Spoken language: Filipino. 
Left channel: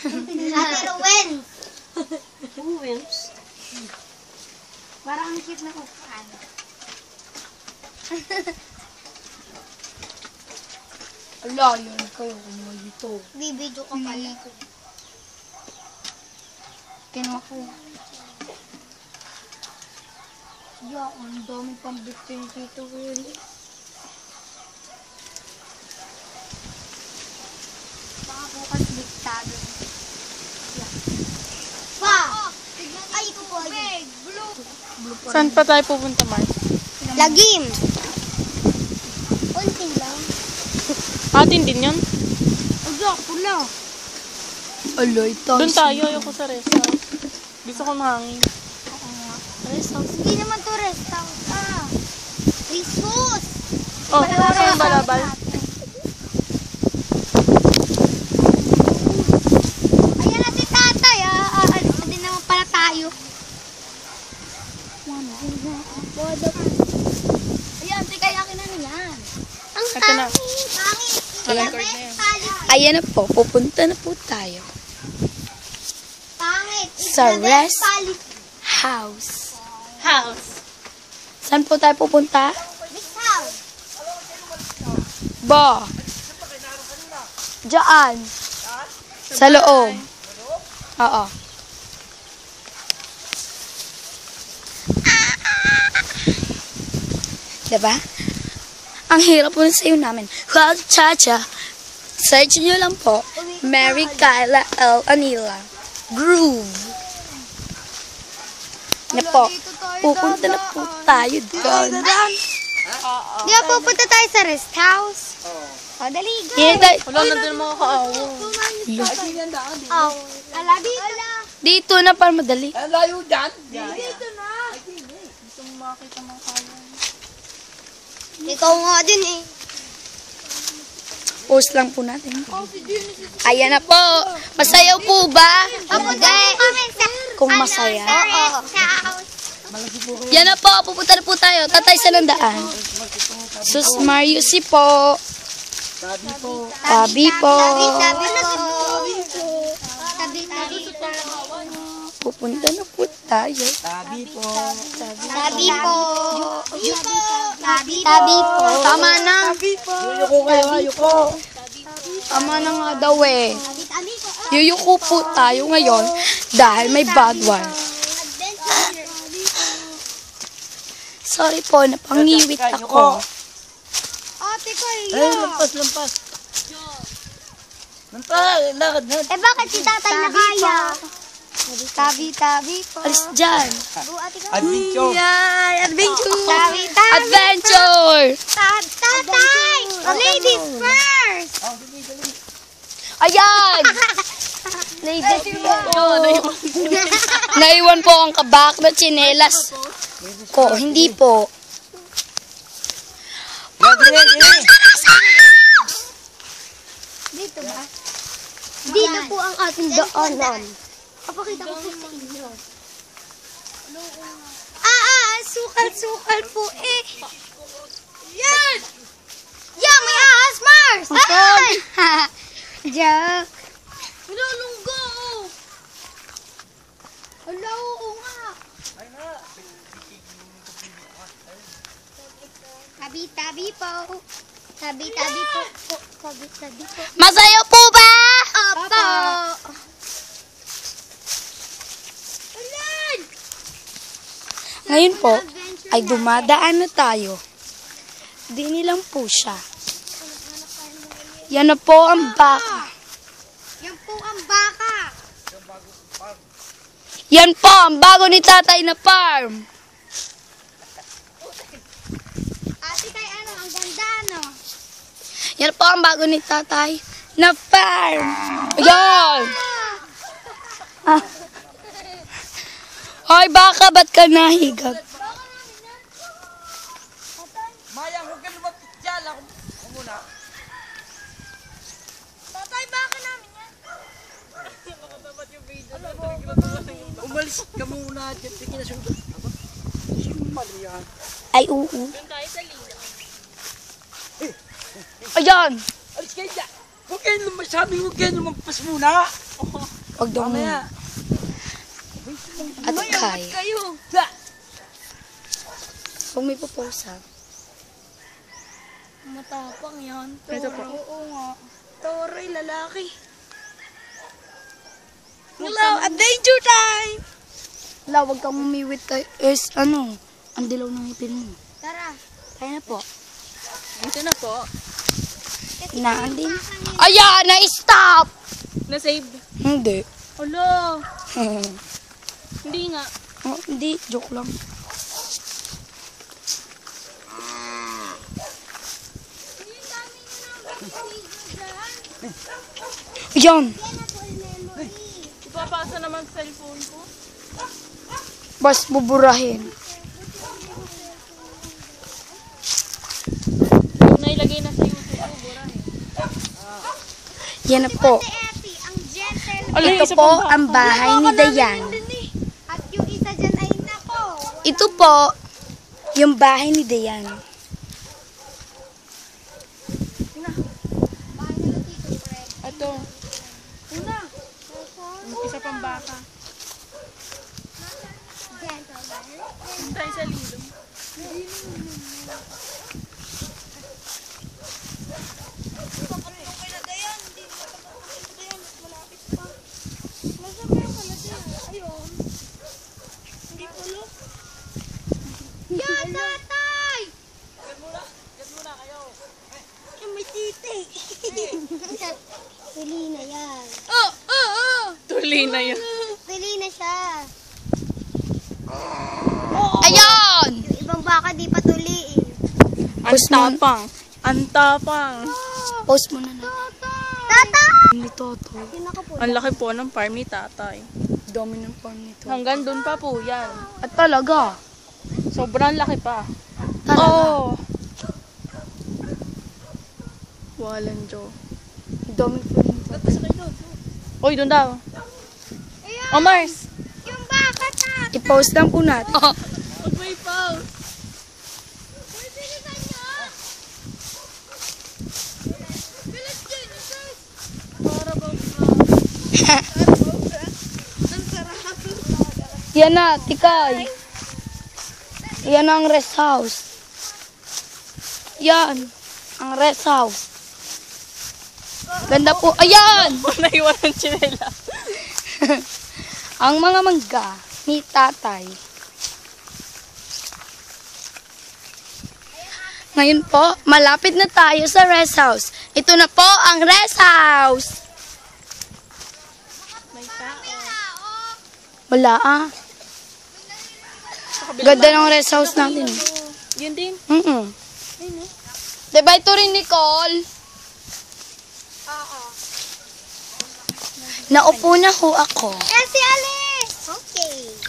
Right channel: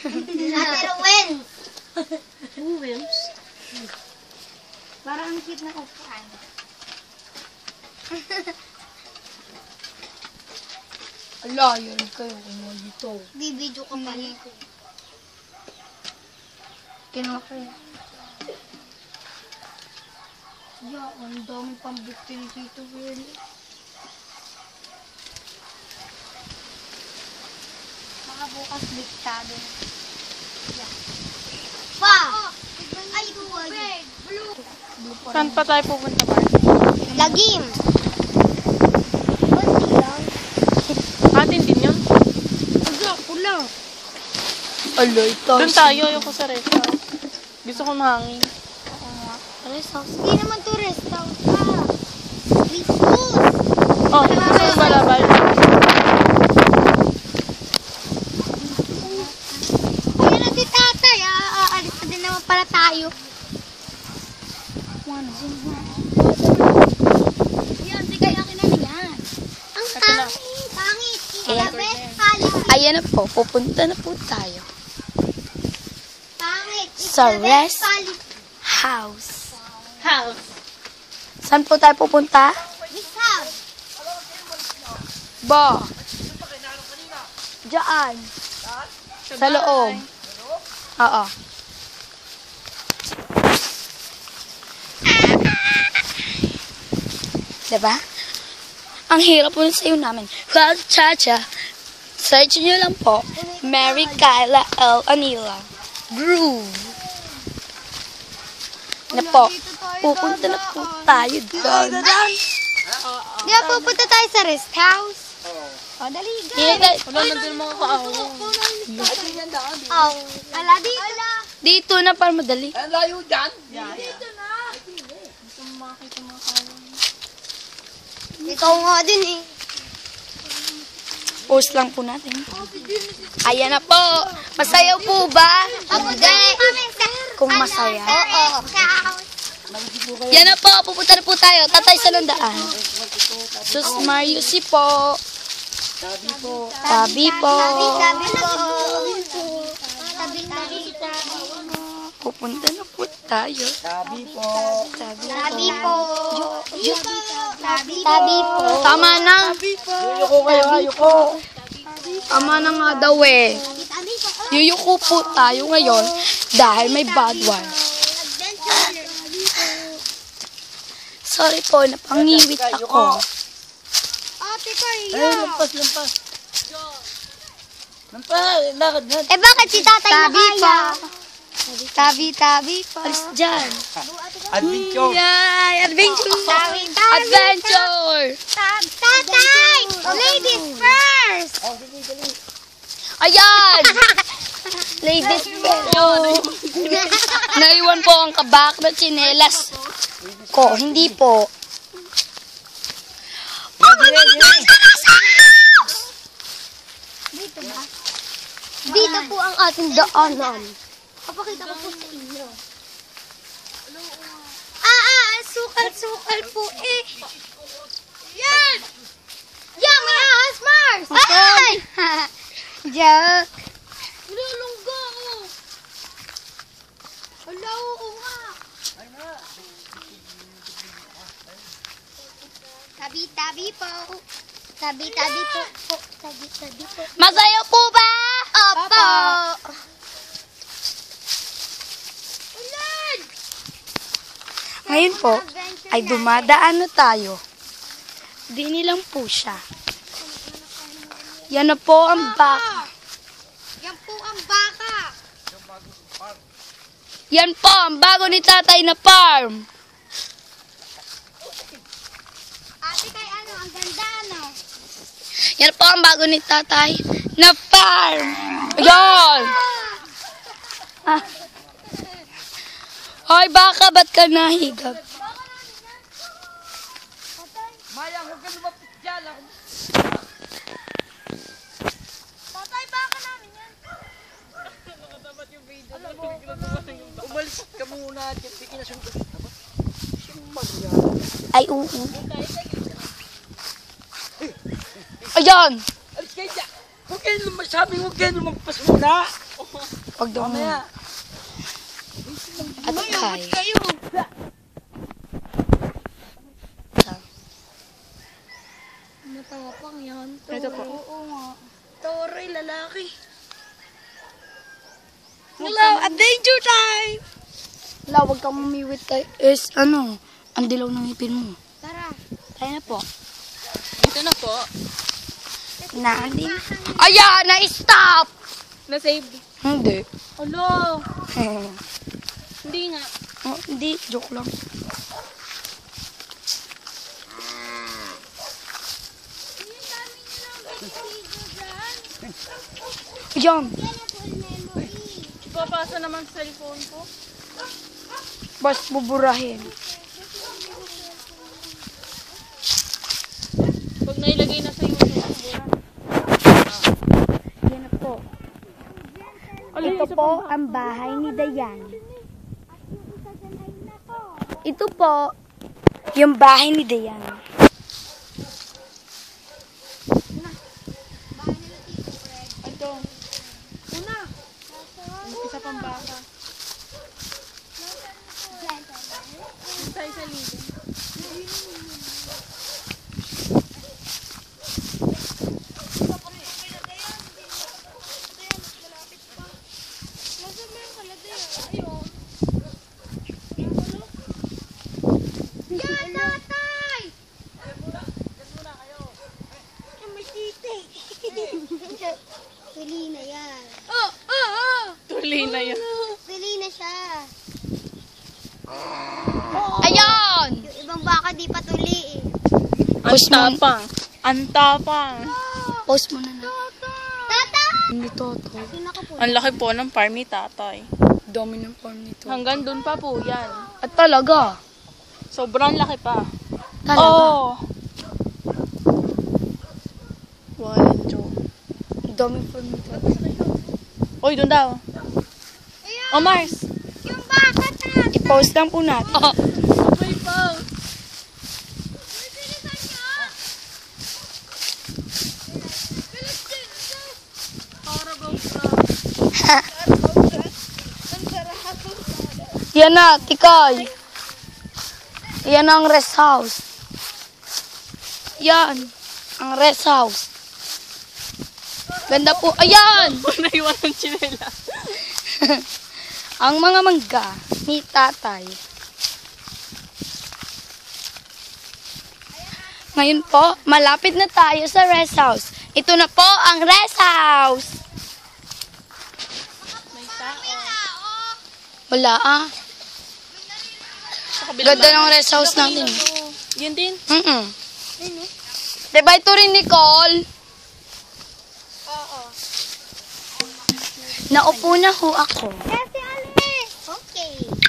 Ate Rowen. Wilms. Parang cute na upuan. Ala, yan kayo kung dito. Bibidyo ko pala. Kaya po. Yak, ang dami pang butin dito. Baka bukas diktado. Pa! Ay, big, blue. Saan pa tayo pupunta man? Lagim. Atin din yun? Pulo. Aloy, doon tayo, yung sa rest house. Gusto ko mahangin. Rest house? Hindi naman to rest house. Rest house. Oh, balabal. Ayan na si tatay, alis na din naman pala tayo. Yan, di kaya kinanila. Ang Ito na. hangin. Pangit. Ayan na po, pupunta na po tayo Pangit. Sa Best rest pali. house. House. Saan po tayo pupunta? This house. Ba? Diyan. Sa loob. Oo. Diba? Ang hirap po sa iyo namin. Cha-cha. Search nyo lang po. Mary Kyla L. Anila. Groove. Na po. Pupunta na po tayo. Di ba pupunta tayo sa rest house? Dali, go. Wala na din mga kaawong. Oh, ala dito. Dito na para madali. Ito nga din eh. Post lang po natin. Ayan na po. Masayaw po ba? Kung masaya. Yan na po. Pupunta na po tayo. Tatay sa landaan. Sus Mario si po. Tabi po. Pupunta na po tayo. Tabi po. Tabi po. Tama na. Tabi po. Tama na nga daw eh. Tabi po. Yuyuko po tayo ngayon dahil may bad one. Sorry po, napangiwit ako. Ate Carla. Eh bakit si tatay na kaya? Tabi po. Alis dyan. Adventure. Yay! Adventure! Tabi. Adventure! Tatay! Ladies first! Ayan! Ladies first. Oh, naiwan po ang kabak na tsinelas. Oh, hindi po. Dito po ang ating daanan. Sukal po eh. Yan! Yan, may aas, Mars! Ay! Joke. Nilulunggo. Hello, nga. Tabi po. Tabi po. Tabi po. Masaya po ba? Opo. Ngayon po, ay dumadaan na tayo. Dini lang po siya. Yan na po ang baka. Yan po ang baka. Yan po ang bago ni tatay na farm. Ate kay ano, ang ganda no? Yan po ang bago ni tatay na farm. Yan! Ah. Hoy baka, ba't ka nahigag? Maya, huwag ka lumapit dyan. Tatay, baka namin yan. Umalis ka muna dyan. Tingin na sundot. Ay, Ayan! Alis kayo dyan. Huwag kayo magpasimula. Pag dumi Mamaya. at Ngayon, ba't kaya. kayo? Kung may popost ha. Matapang yan. Oo nga. Toroy, lalaki. Hello, adventure time! Wala, huwag kang umiwit tayo. Ang dilaw ng ngipin mo. Tara. Tayo na po. Ito na po. Nakandi. Ayan, na-stop! Na-save. Hindi. Alo. Eh, Hindi nga. hindi, joke lang. Ayan! Babasa naman sa cellphone ko. Bas buburahin. Nailagay na sa YouTube. Yan na po. Epi, ang gentle. Ala, Ito isa po pang baka. ang bahay ni Dayan. At yung isa dyan ay nako. Ito po yung bahay ni Dayan. Ito. Isa pang baka. Tayo sa lido. Yan, tatay! Yan, may titi. Pili na yan. Tuloy na yun. Pili na siya. Ayun! Yung ibang baka di pa tuli. Ang tapang. Ang tapang. Post mo na na. Tatay! Ni Toto. Ang laki po ng farm ni tatay. Dami ng farm nito. Hanggang doon pa po yan. At talaga. Sobrang laki pa. Talaga. Oh. Daming farm nito. Uy, doon daw. Ayan! Oh, Mars. Yung baka, tatay! Post lang po natin. Uy, pause. Yan na, tikay. Yan ang rest house. Yan. Ang rest house. Ganda po. Ayan! Naiwan ng chinela. Ang mga mangga ni tatay. Ngayon po, malapit na tayo sa rest house. Ito na po ang rest house. May tao. Wala ah. Ganda ng rest house natin. Yun din. Mm-mm. Diba ito rin, Nicole? Oo. Naupo na ho ako. Kasi alin?